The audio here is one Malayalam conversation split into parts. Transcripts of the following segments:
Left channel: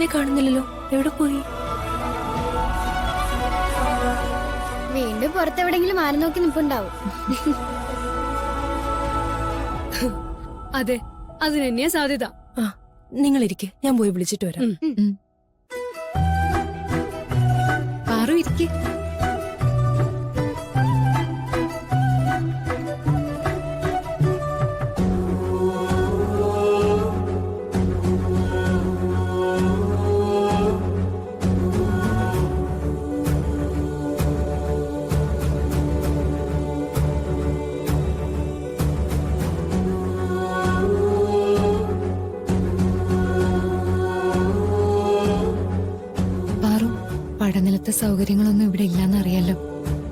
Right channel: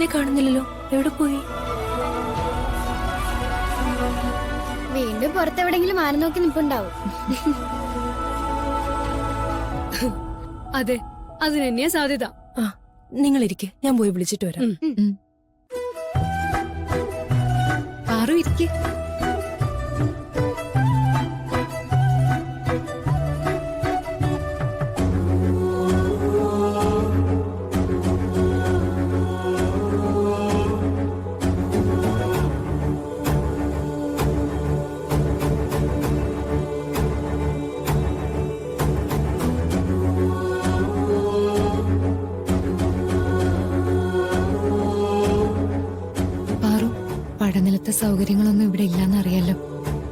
ഏട്ടനെ കാണുന്നില്ലല്ലോ, എവിടെ പോയി? വീണ്ടും പുറത്തെവിടെങ്കിലും ആര് നോക്കി നിപ്പുണ്ടാവും. അതെ, അതിന് തന്നെയാ സാധ്യത. ആ, നിങ്ങൾ ഇരിക്കെ, ഞാൻ പോയി വിളിച്ചിട്ട് വരാം. പാറു ഇരിക്കെ. പാറു, പഠനത്തിലത്തെ സൗകര്യങ്ങളൊന്നും ഇവിടെ ഇല്ലാന്നറിയാലോ.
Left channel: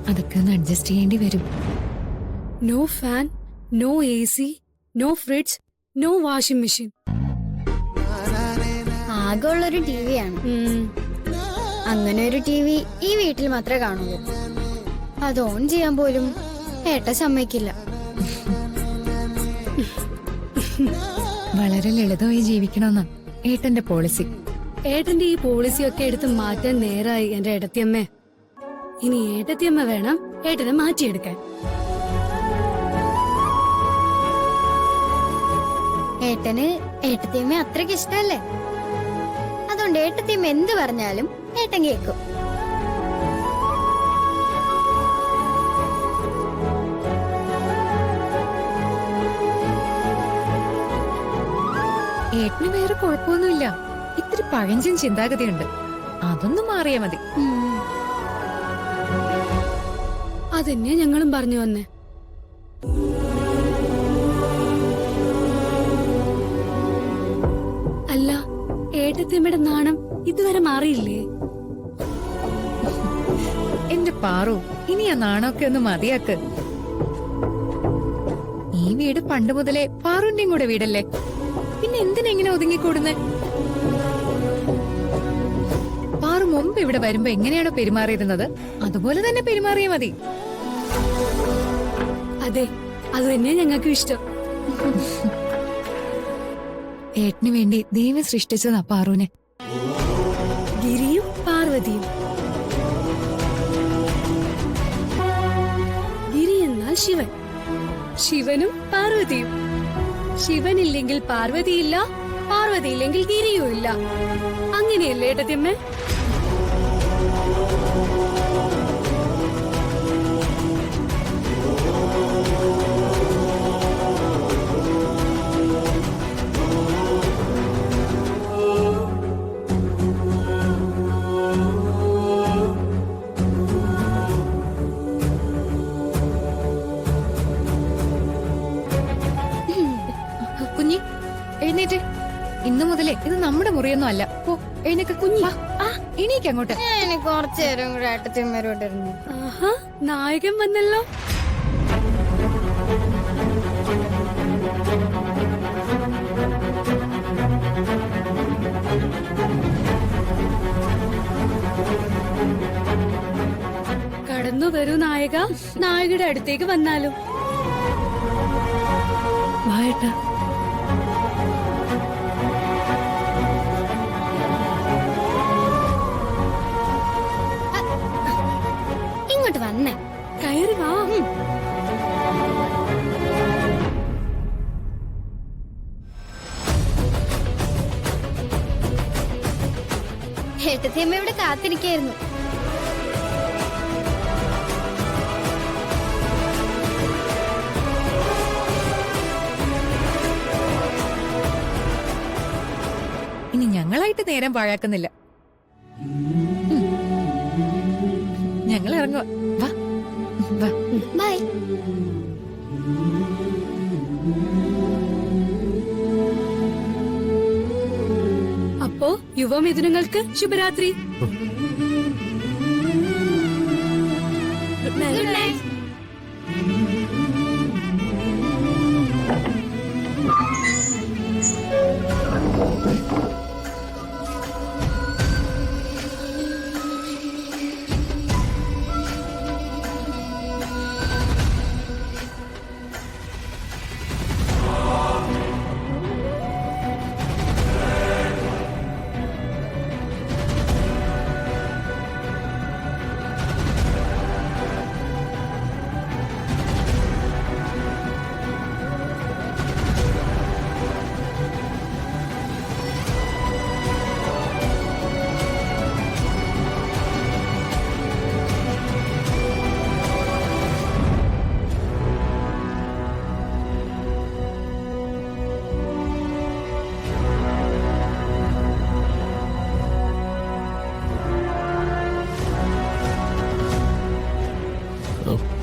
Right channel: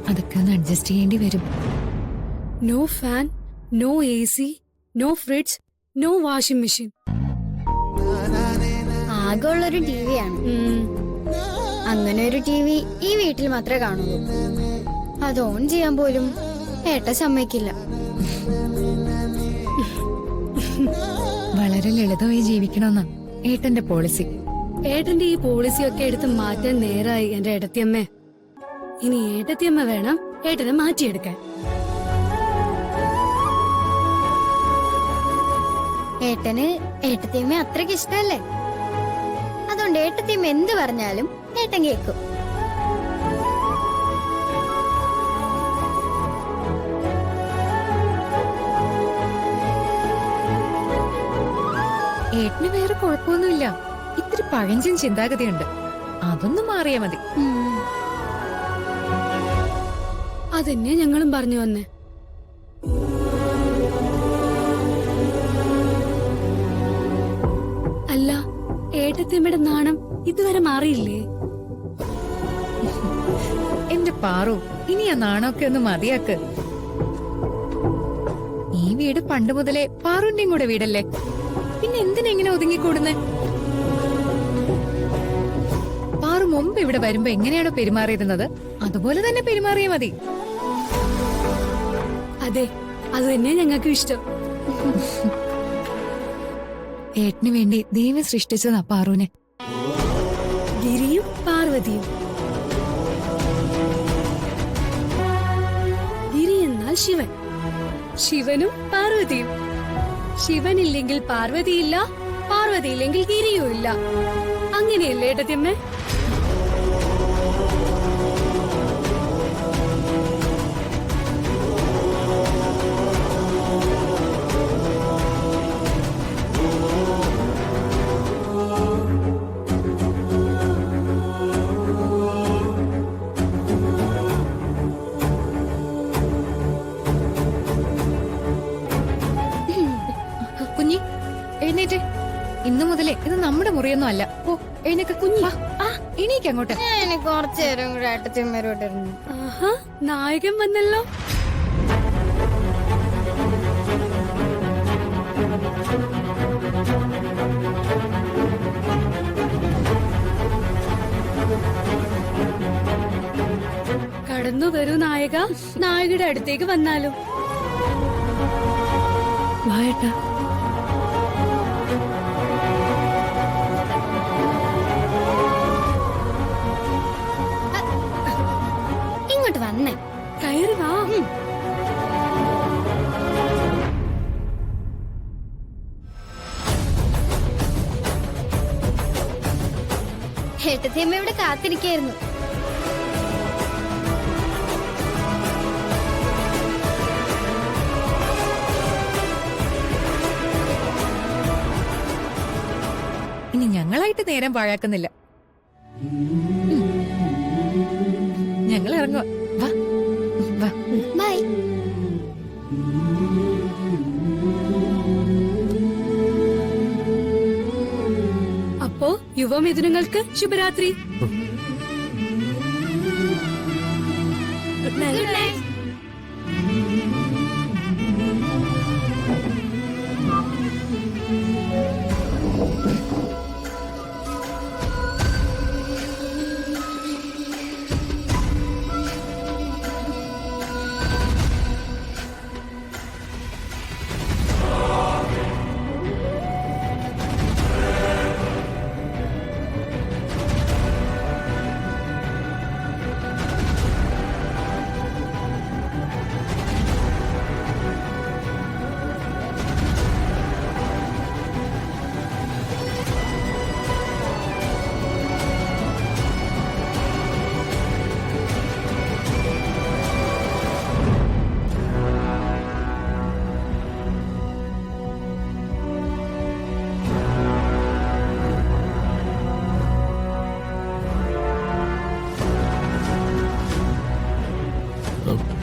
അതൊക്കെ ഒന്ന് അഡ്ജസ്റ്റ് ചെയ്യേണ്ടി വരും. No fan, no AC, no fridge, no washing machine. ആകെ ഉള്ളൊരു ടിവിയാണ്. അങ്ങനെ ഒരു ടിവി ഈ വീട്ടിൽ മാത്രമേ കാണുള്ളൂ. അത് ഓൺ ചെയ്യാൻ പോലും ഏട്ട സമ്മതിക്കില്ല. വളരെ ലളിതമായി ജീവിക്കണമെന്നാ ഏട്ടന്റെ പോളിസി. ഏട്ടന്റെ ഈ പോളിസിയൊക്കെ എടുത്ത് മാറ്റാൻ നേരായി എന്റെ ഏട്ടത്തിയമ്മേ. ഇനി ഏട്ടത്തിയമ്മ വേണം ഏട്ടനെ മാറ്റിയെടുക്കാൻ. ഏട്ടന് ഏട്ടത്തിയമ്മ അത്രയ്ക്ക് ഇഷ്ടല്ലേ. അതുകൊണ്ട് ഏട്ടത്തിയമ്മ എന്ത് പറഞ്ഞാലും ഏട്ടൻ കേൾക്കും. ഏട്ടന് വേറെ കുഴപ്പമൊന്നുമില്ല. ഇത്തിരി പഴഞ്ചൻ ചിന്താഗതിയുണ്ട്. അതൊന്നും മാറിയാ മതി. അതന്നെ ഞങ്ങളും പറഞ്ഞു വന്നേ. അല്ല, ഏട്ടത്തിയമ്മയുടെ നാണം ഇതുവരെ മാറിയില്ലേ? എന്റെ പാറു, ഇനി ആ നാണമൊക്കെ ഒന്ന് മതിയാക്ക്. ഈ വീട് പണ്ട് മുതലേ പാറുന്റെയും കൂടെ വീടല്ലേ. പിന്നെ എന്തിനെങ്ങനെ ഒതുങ്ങിക്കൂടുന്നേ? പാറു മുമ്പ് ഇവിടെ വരുമ്പോ എങ്ങനെയാണോ പെരുമാറിയിരുന്നത് അതുപോലെ തന്നെ പെരുമാറിയാ മതി. അതെ, അത് തന്നെ ഞങ്ങൾക്കും ഇഷ്ടം. ഏട്ടന് വേണ്ടി ദൈവം സൃഷ്ടിച്ചതാ പാറുവിനെ. ഗിരിയും പാർവതിയും. ഗിരി എന്നാൽ ശിവൻ, ശിവനും പാർവതിയും. ശിവനില്ലെങ്കിൽ പാർവതിയില്ല, പാർവതിയില്ലെങ്കിൽ ഗിരിയും ഇല്ല. അങ്ങനെയല്ലേ ഏട്ടത്തിയമ്മേ? കുഞ്ഞി, എഴുന്നേറ്റ്. ഇന്നു മുതലേ ഇത് നമ്മുടെ മുറിയൊന്നും അല്ല. ഓ, എഴുന്നേക്ക് കുഞ്ഞി. എണീക്ക് അങ്ങോട്ട്. ഞാൻ കുറച്ചു നേരം കൂടെ ഏട്ടത്തിയമ്മരോട് ഇരുന്നു. ആഹാ, നായകൻ വന്നല്ലോ. കടന്നു വരൂ നായക. നായകയുടെ അടുത്തേക്ക് വന്നാലും. വായേട്ടാ. ഇങ്ങോട്ട് വന്നേ. കയറി വാ. ഏട്ടത്തിയമ്മ ഇവിടെ കാത്തിരിക്കായിരുന്നു. ഇനി ഞങ്ങളായിട്ട് നേരം പാഴാക്കുന്നില്ല. ഞങ്ങൾ ഇറങ്ങുക. വാ വാ. ബൈ. അപ്പോ യുവമിഥുനങ്ങൾക്ക് ശുഭരാത്രി. Good night. Good night. ഓ